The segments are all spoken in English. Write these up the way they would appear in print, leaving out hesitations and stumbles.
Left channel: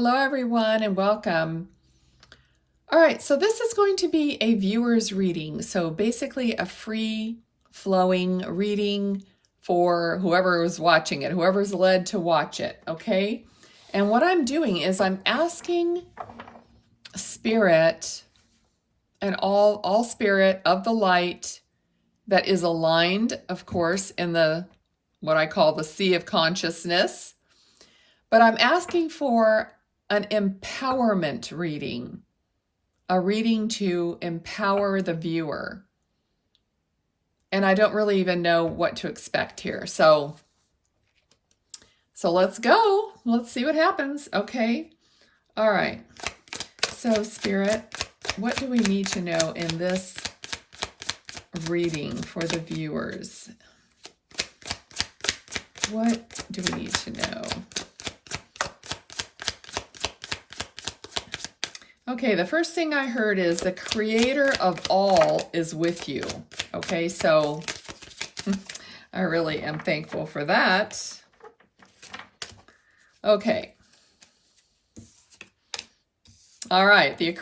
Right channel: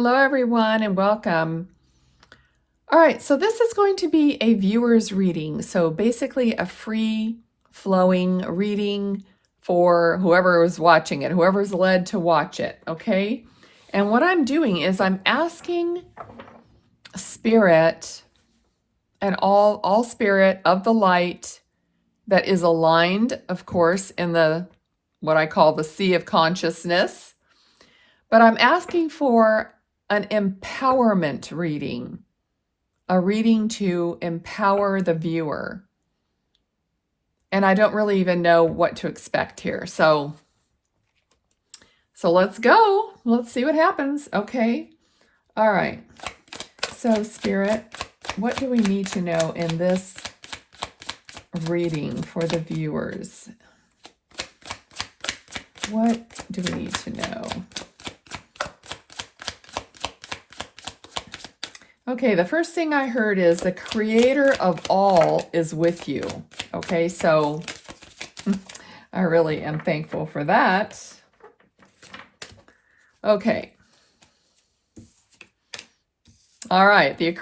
Hello, everyone, and welcome. All right, so this is going to be a viewer's reading. So basically a free flowing reading for whoever is watching it, whoever's led to watch it, okay? And what I'm doing is I'm asking spirit and all spirit of the light that is aligned, of course, in the what I call the sea of consciousness. But I'm asking for an empowerment reading, a reading to empower the viewer. And I don't really even know what to expect here. So let's go. Let's see what happens. Okay. All right. So Spirit, what do we need to know in this reading for the viewers? What do we need to know? Okay, the first thing I heard is the creator of all is with you. Okay, so I really am thankful for that. Okay. All right, the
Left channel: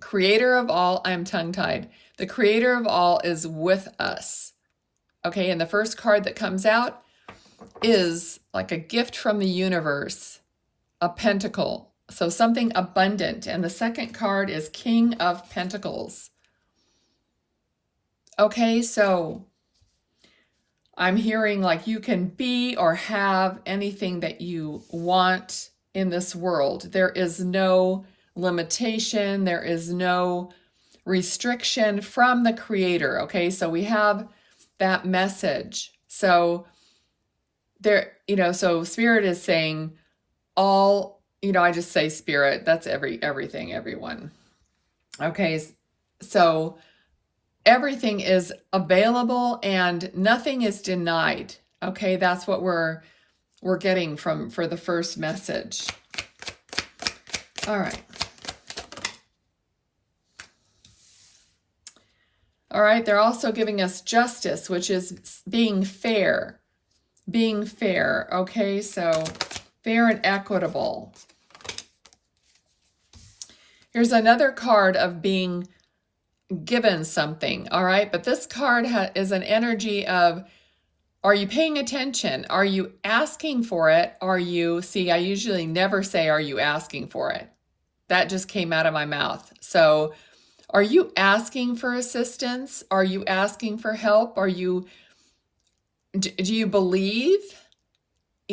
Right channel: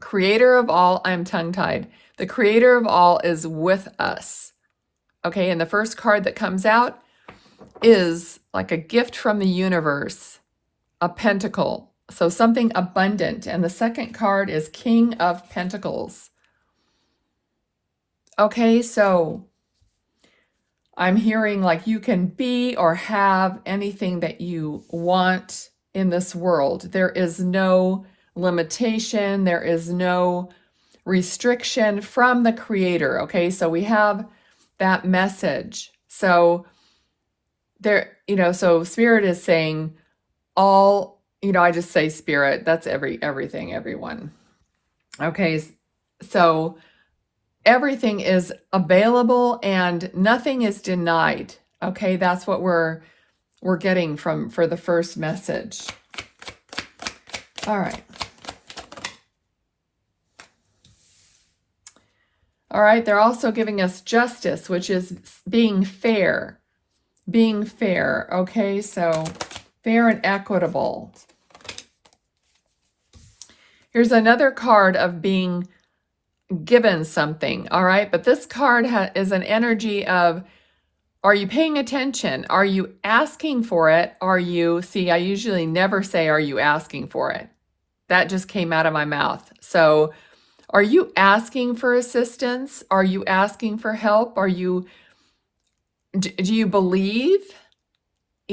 creator of all, I'm tongue-tied. The creator of all is with us. Okay, and the first card that comes out is like a gift from the universe. A pentacle, so something abundant. And the second card is King of Pentacles. Okay, so I'm hearing like you can be or have anything that you want in this world. There is no limitation. There is no restriction from the creator. Okay, so we have that message. So there, so Spirit is saying, all, I just say spirit, that's everything, everyone. Okay, so everything is available and nothing is denied. Okay, that's what we're getting for the first message. All right. All right, they're also giving us justice, which is being fair. Being fair, okay, so fair and equitable. Here's another card of being given something, all right? But this card is an energy of, are you paying attention? Are you asking for it? I usually never say, are you asking for it? That just came out of my mouth. So are you asking for assistance? Are you asking for help? Do you believe?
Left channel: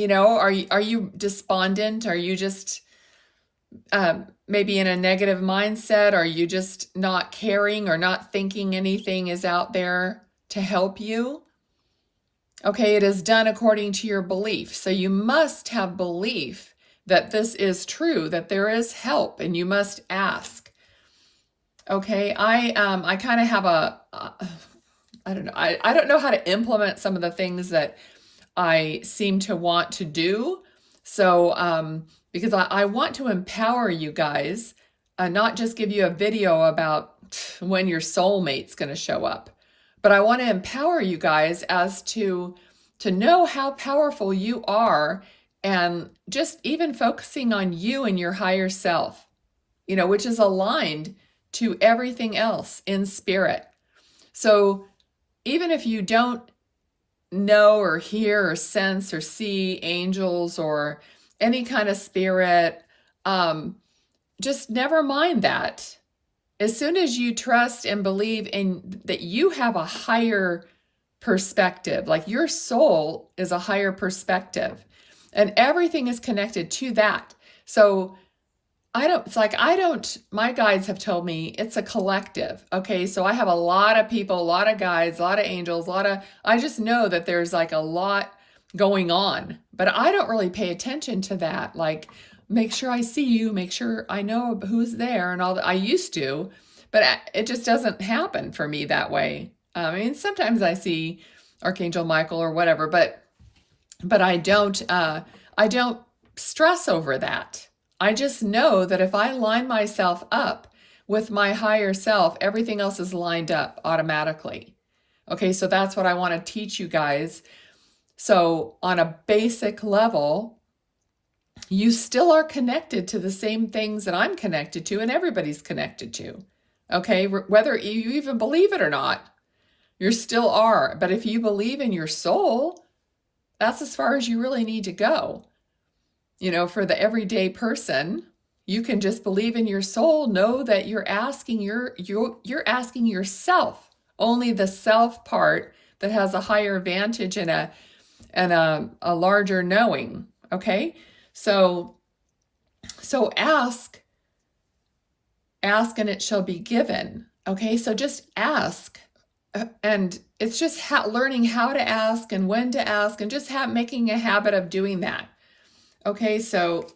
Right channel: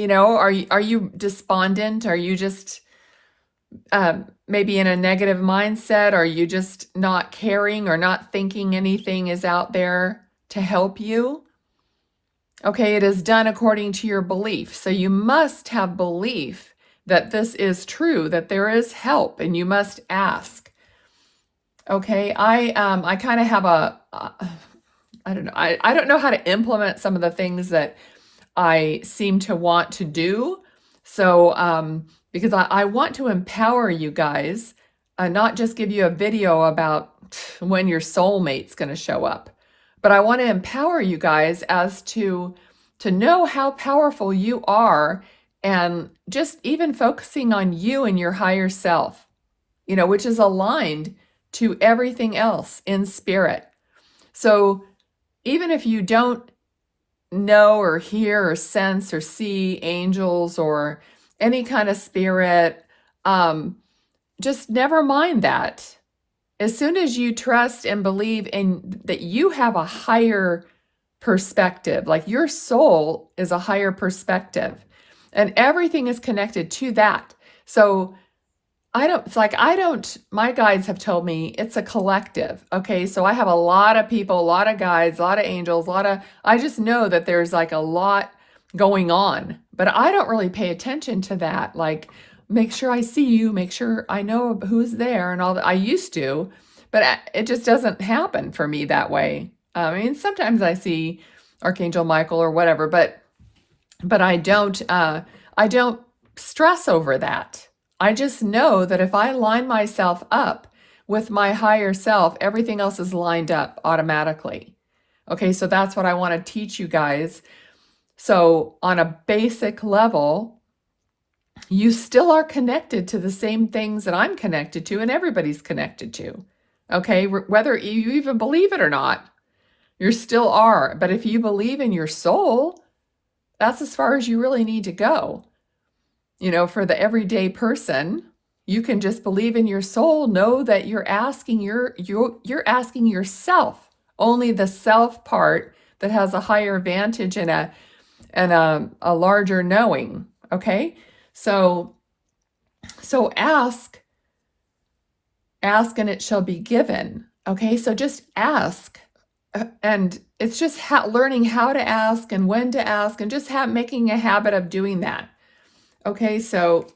Are you despondent? Are you just maybe in a negative mindset? Are you just not caring or not thinking anything is out there to help you? Okay, it is done according to your belief. So you must have belief that this is true, that there is help, and you must ask. Okay, I kind of have I don't know. I don't know how to implement some of the things that I seem to want to do. So, because I want to empower you guys, not just give you a video about when your soulmate's going to show up, but I want to empower you guys as to know how powerful you are, and just even focusing on you and your higher self, which is aligned to everything else in spirit. So even if you don't know or hear or sense or see angels or any kind of spirit, just never mind that. As soon as you trust and believe in that you have a higher perspective, like your soul is a higher perspective, and everything is connected to that. So my guides have told me it's a collective. Okay, so I have a lot of people, a lot of guides, a lot of angels, I just know that there's like a lot going on, but I don't really pay attention to that. Like, make sure I see you, make sure I know who's there and all that. I used to, but it just doesn't happen for me that way. I mean, sometimes I see Archangel Michael or whatever, but I don't stress over that. I just know that if I line myself up with my higher self, everything else is lined up automatically. Okay, so that's what I want to teach you guys. So on a basic level, you still are connected to the same things that I'm connected to and everybody's connected to. Okay, whether you even believe it or not, you still are. But if you believe in your soul, that's as far as you really need to go. You know, for the everyday person, you can just believe in your soul, know that you're asking you're asking yourself, only the self part that has a higher vantage and a larger knowing. Okay? So ask and it shall be given. Okay? So just ask. And it's just learning how to ask and when to ask and just making a habit of doing that. Okay, so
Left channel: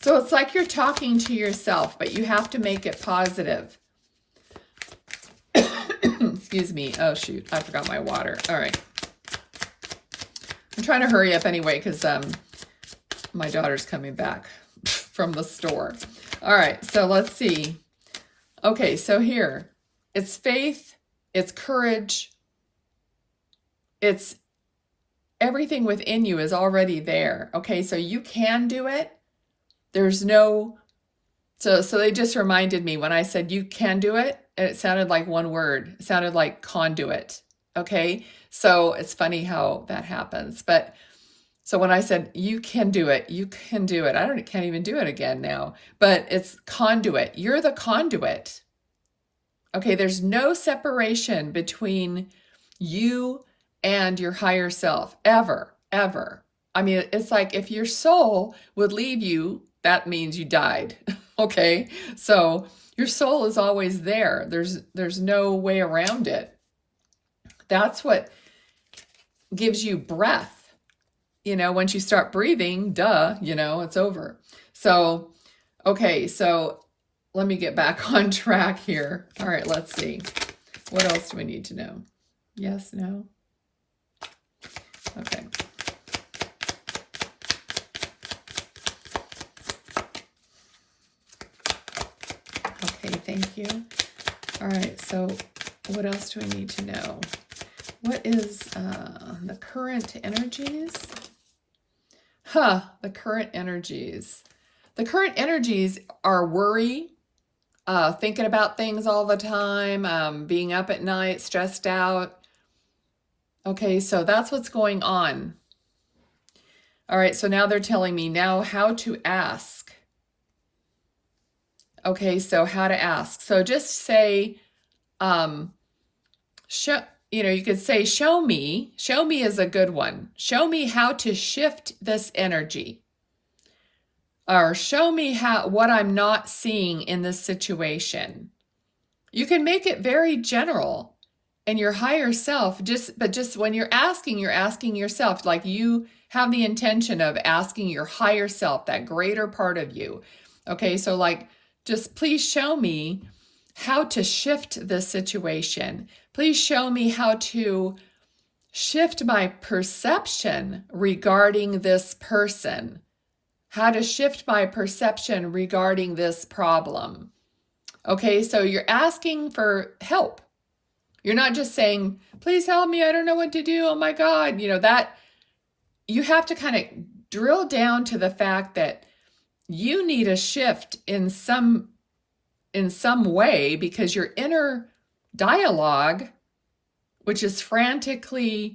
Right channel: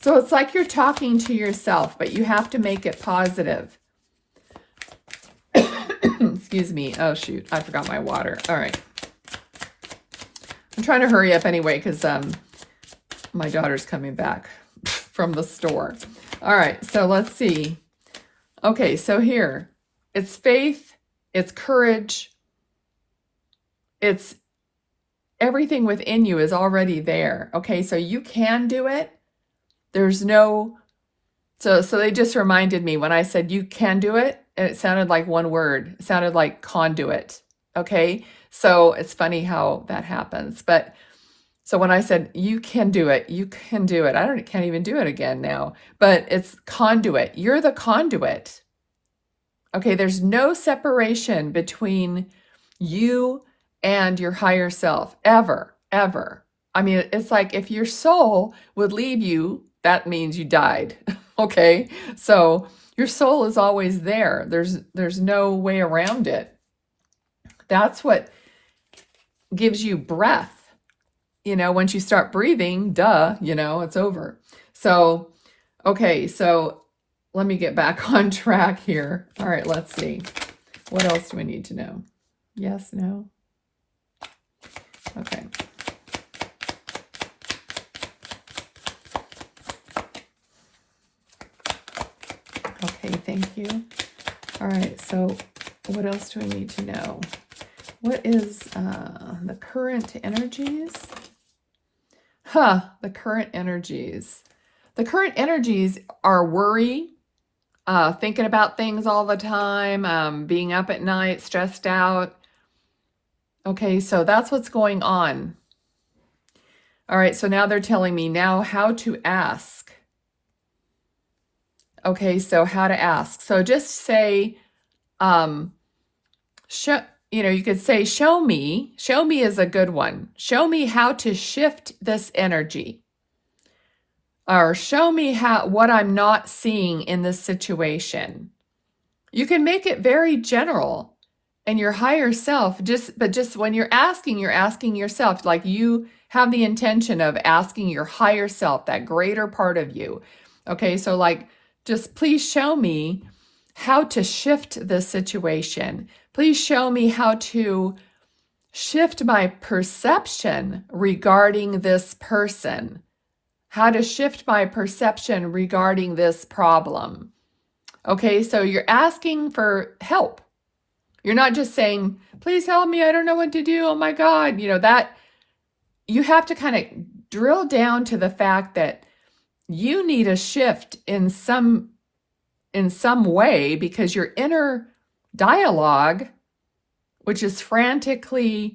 so it's like you're talking to yourself, but you have to make it positive. Excuse me. Oh, shoot. I forgot my water. All right. I'm trying to hurry up anyway because my daughter's coming back from the store. All right, so let's see. Okay, so here, it's faith, it's courage, it's everything within you is already there. Okay, so you can do it. There's no, so they just reminded me when I said you can do it, and it sounded like one word. It sounded like conduit. Okay, so it's funny how that happens. But so when I said you can do it, you can do it. Can't even do it again now. But it's conduit. You're the conduit. Okay, there's no separation between you and your higher self, ever, ever. I mean, it's like if your soul would leave you, that means you died. Okay, so your soul is always there. There's no way around it. That's what gives you breath. You know, once you start breathing, duh, you know, it's over. So, okay, so let me get back on track here. All right, let's see. What else do we need to know? Yes, no? Okay. Okay, thank you. All right, so what else do we need to know? What is the current energies? The current energies. The current energies are worry, thinking about things all the time, being up at night, stressed out. Okay, so that's what's going on. All right, so now they're telling me now how to ask. Okay, so how to ask. So just say, you could say, show me. Show me is a good one. Show me how to shift this energy. Or show me what I'm not seeing in this situation. You can make it very general, and your higher self, but just when you're asking yourself, like you have the intention of asking your higher self, that greater part of you. Okay, so like, just please show me how to shift this situation. Please show me how to shift my perception regarding this person. How to shift my perception regarding this problem. Okay, so you're asking for help. You're not just saying, please help me, I don't know what to do, oh my God. You know, that you have to kind of drill down to the fact that you need a shift in some way, because your inner dialogue, which is frantically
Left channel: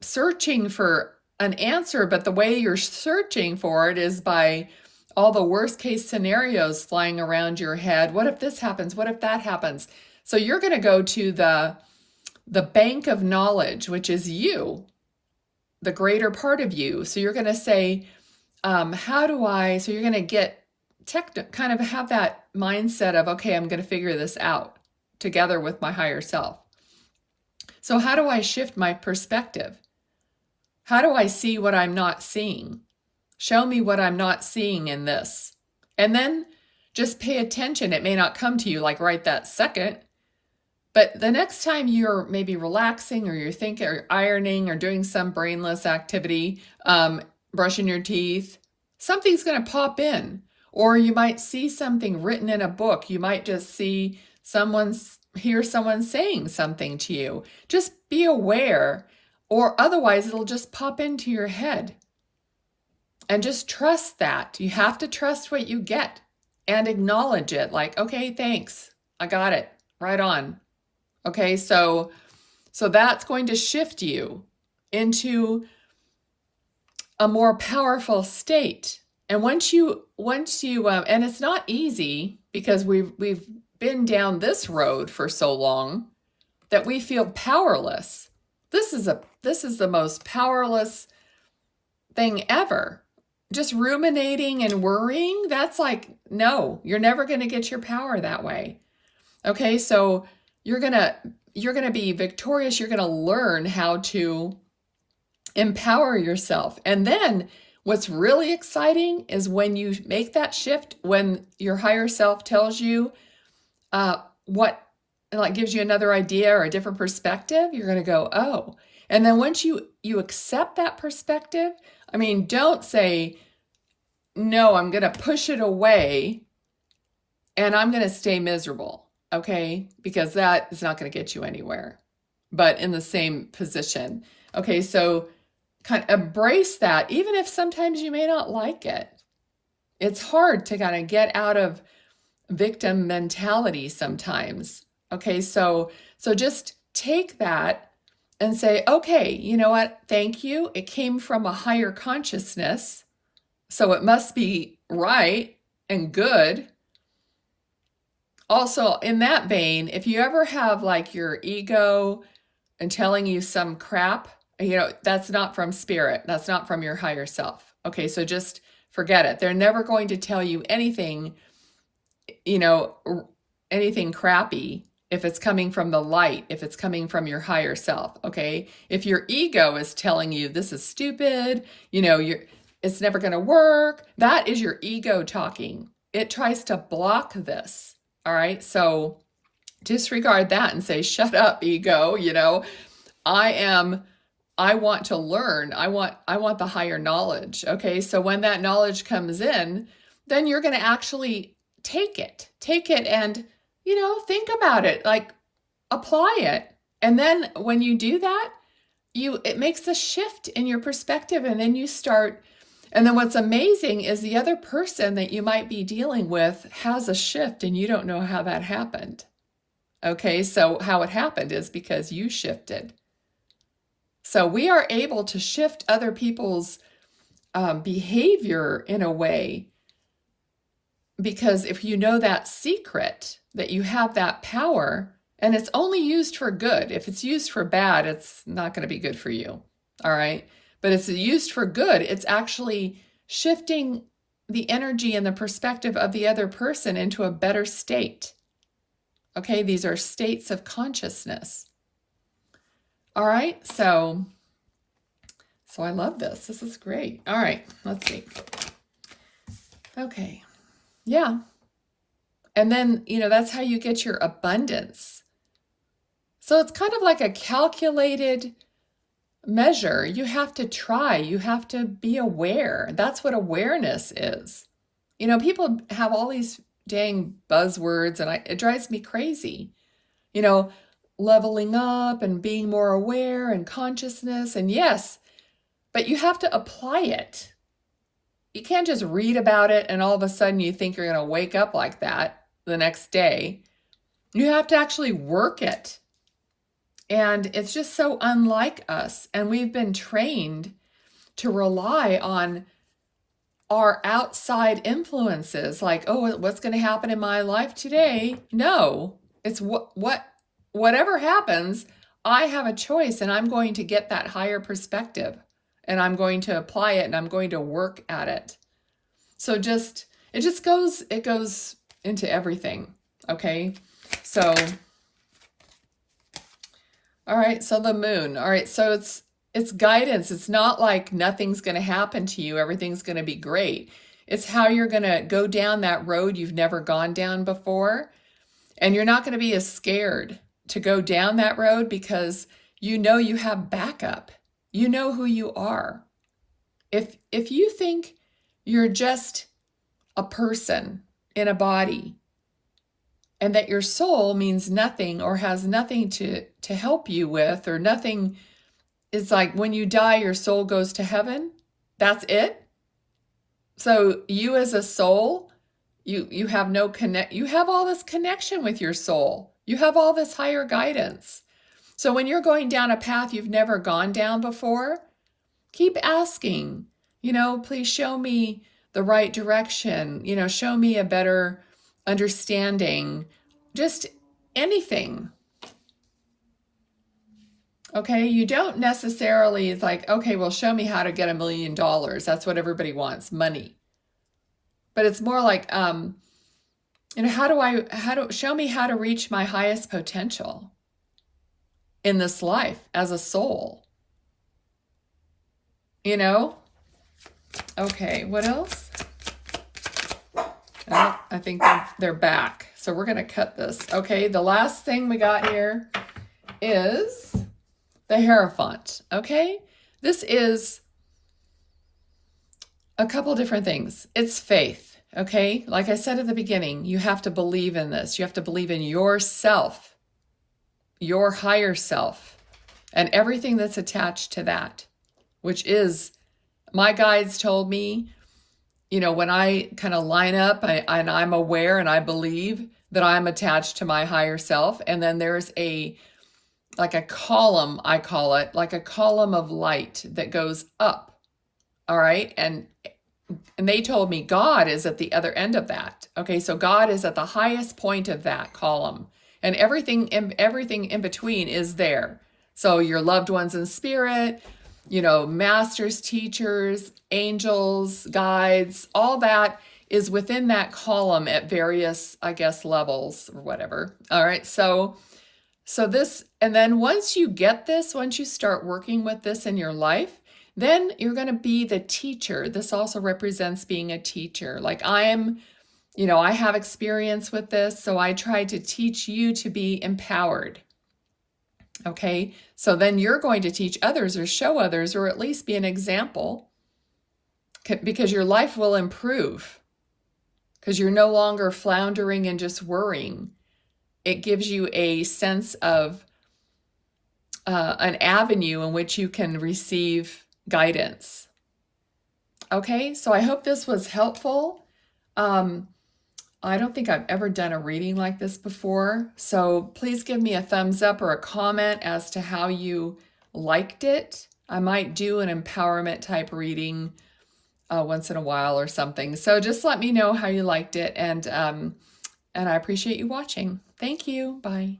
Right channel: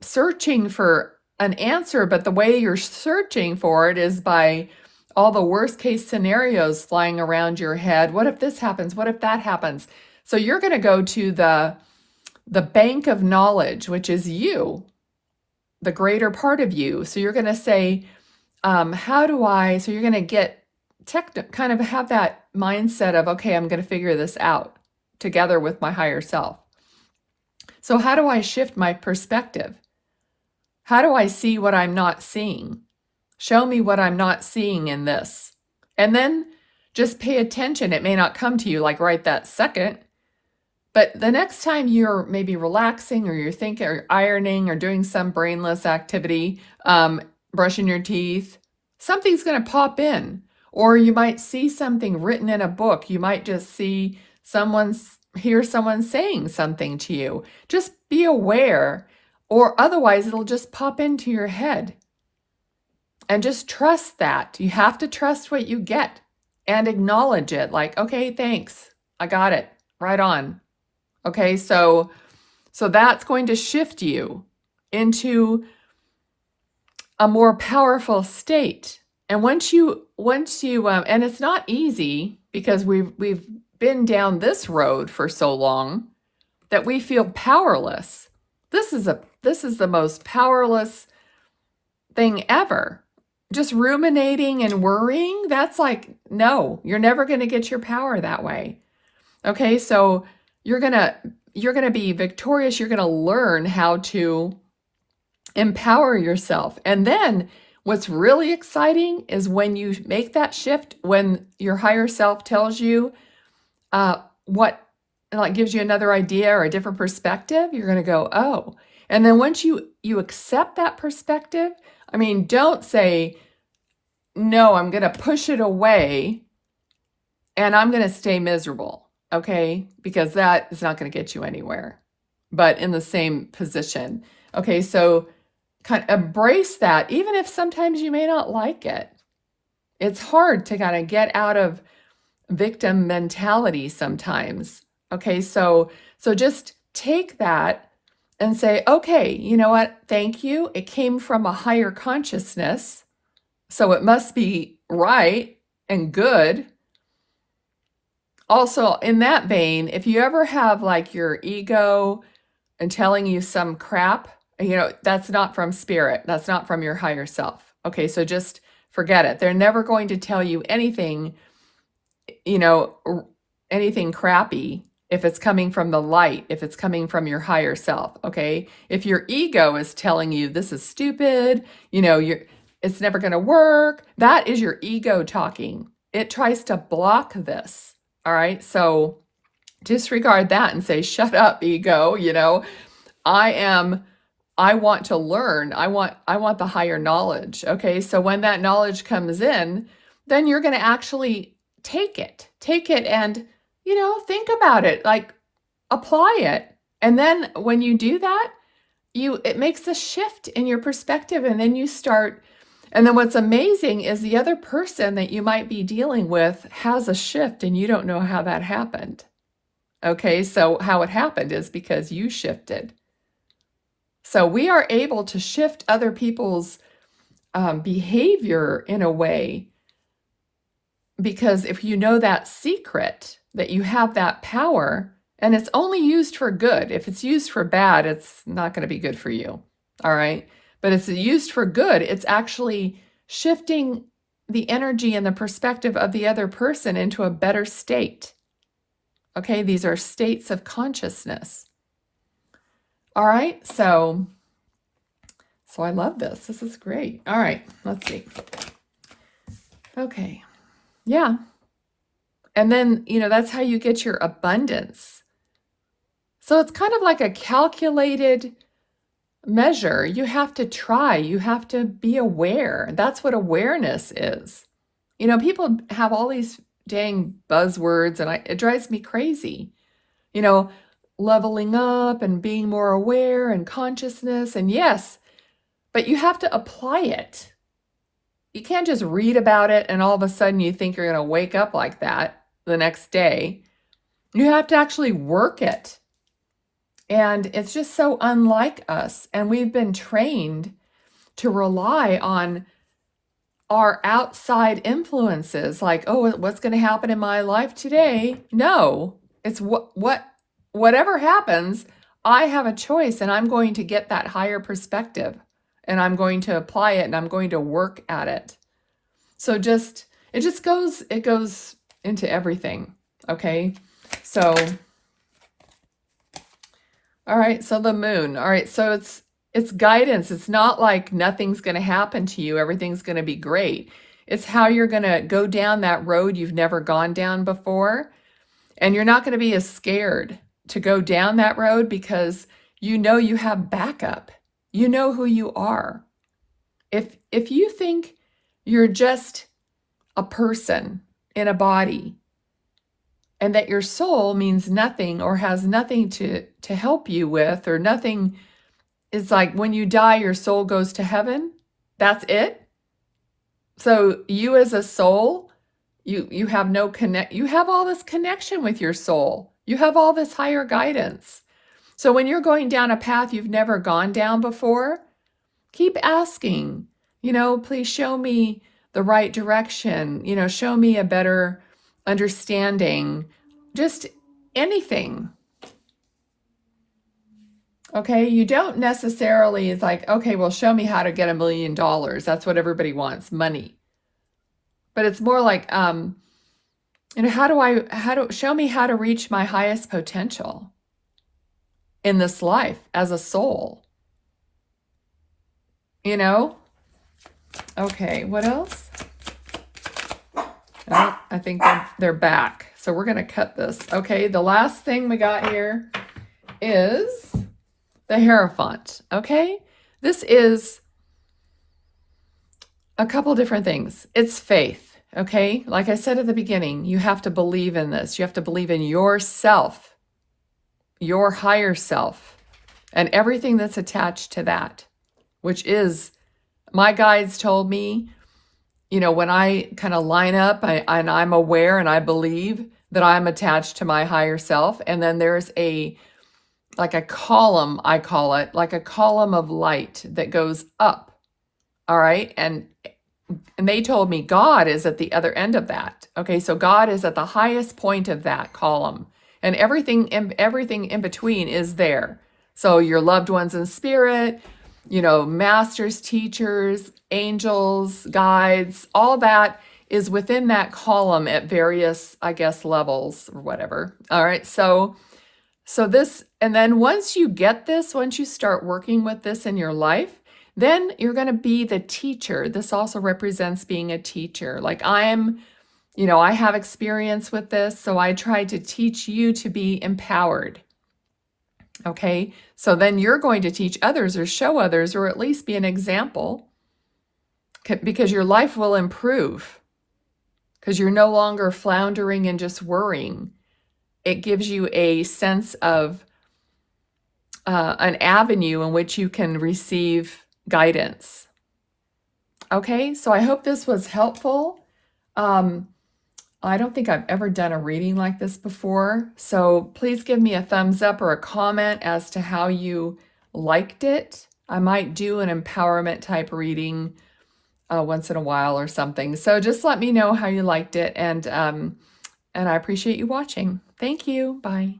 searching for an answer, but the way you're searching for it is by all the worst case scenarios flying around your head. What if this happens? What if that happens? So you're going to go to the bank of knowledge, which is you, the greater part of you. So you're going to say, so you're going to get kind of have that mindset of, okay, I'm going to figure this out together with my higher self. So how do I shift my perspective? How do I see what I'm not seeing? Show me what I'm not seeing in this. And then just pay attention. It may not come to you like right that second, but the next time you're maybe relaxing, or you're thinking, or ironing, or doing some brainless activity, brushing your teeth, something's going to pop in. Or you might see something written in a book. You might just hear someone saying something to you. Just be aware or otherwise it'll just pop into your head. And just trust that. You have to trust what you get and acknowledge it. Like, okay, thanks. I got it. Right on. Okay, so that's going to shift you into a more powerful state. And once you and it's not easy, because we've been down this road for so long that we feel powerless. This is the most powerless thing ever. Just ruminating and worrying, that's like, no, you're never going to get your power that way. Okay, so you're going to be victorious. You're going to learn how to empower yourself. And then what's really exciting is when you make that shift, when your higher self tells you what, like, gives you another idea or a different perspective, you're going to go, oh. And then once you accept that perspective, I mean, don't say, no, I'm going to push it away and I'm going to stay miserable, okay? Because that is not going to get you anywhere, but in the same position. Okay, so kind of embrace that, even if sometimes you may not like it. It's hard to kind of get out of victim mentality sometimes. Okay, so just take that and say, okay, you know what? Thank you. It came from a higher consciousness, so it must be right and good. Also, in that vein, if you ever have like your ego and telling you some crap, that's not from spirit. That's not from your higher self. Okay, so just forget it. They're never going to tell you anything, anything crappy if it's coming from the light, if it's coming from your higher self. Okay, if your ego is telling you this is stupid, it's never going to work, that is your ego talking. It tries to block this. All right, so disregard that and say, shut up, ego. I want to learn. I want the higher knowledge. Okay, so when that knowledge comes in, then you're going to actually take it and, think about it, like apply it. And then when you do that, it makes a shift in your perspective, and then you start. And then what's amazing is the other person that you might be dealing with has a shift and you don't know how that happened. Okay, so how it happened is because you shifted. So we are able to shift other people's behavior in a way, because if you know that secret, that you have that power, and it's only used for good. If it's used for bad, it's not going to be good for you. All right. But it's used for good. It's actually shifting the energy and the perspective of the other person into a better state. Okay, these are states of consciousness. All right, so I love this. This is great. All right, let's see. Okay, yeah. And then, that's how you get your abundance. So it's kind of like a calculated measure. You have to try. You have to be aware. That's what awareness is. People have all these dang buzzwords, and it drives me crazy. Leveling up and being more aware and consciousness, and yes, but you have to apply it. You can't just read about it and all of a sudden you think you're going to wake up like that the next day. You have to actually work it. And it's just so unlike us. And we've been trained to rely on our outside influences, like, oh, what's going to happen in my life today? No, it's whatever happens, I have a choice, and I'm going to get that higher perspective, and I'm going to apply it, and I'm going to work at it. So it goes into everything. Okay. So, all right. So the moon. All right. So it's guidance. It's not like nothing's going to happen to you. Everything's going to be great. It's how you're going to go down that road you've never gone down before. And you're not going to be as scared to go down that road because you have backup. You know who you are. If you think you're just a person in a body and that your soul means nothing or has nothing to help you with, or nothing it's like when you die, your soul goes to heaven. That's it. So you as a soul, you have no connect, you have all this connection with your soul. You have all this higher guidance. So when you're going down a path you've never gone down before, keep asking, please show me the right direction, show me a better understanding, just anything. Okay, you don't necessarily, it's like, okay, well, show me how to get $1 million. That's what everybody wants, money. But it's more like, show me how to reach my highest potential in this life as a soul. Okay, what else? Oh, I think they're back. So we're going to cut this. Okay, the last thing we got here is the Hierophant. Okay, this is a couple different things. It's faith. Okay, like I said at the beginning, you have to believe in this. You have to believe in yourself, your higher self, and everything that's attached to that, which is, my guides told me, when I kind of line up and I'm aware and I believe that I'm attached to my higher self, and then there's like a column, I call it, like a column of light that goes up. All right. And they told me God is at the other end of that. Okay. So God is at the highest point of that column, and everything in between is there. So your loved ones in spirit, masters, teachers, angels, guides, all that is within that column at various, I guess, levels or whatever. All right. So this, and then once you get this, once you start working with this in your life, then you're going to be the teacher. This also represents being a teacher. Like I have experience with this, so I try to teach you to be empowered. Okay, so then you're going to teach others or show others, or at least be an example, because your life will improve, because you're no longer floundering and just worrying. It gives you a sense of an avenue in which you can receive guidance. Okay, so I hope this was helpful. I don't think I've ever done a reading like this before, so please give me a thumbs up or a comment as to how you liked it. I might do an empowerment type reading once in a while or something. So just let me know how you liked it, and I appreciate you watching. Thank you. Bye.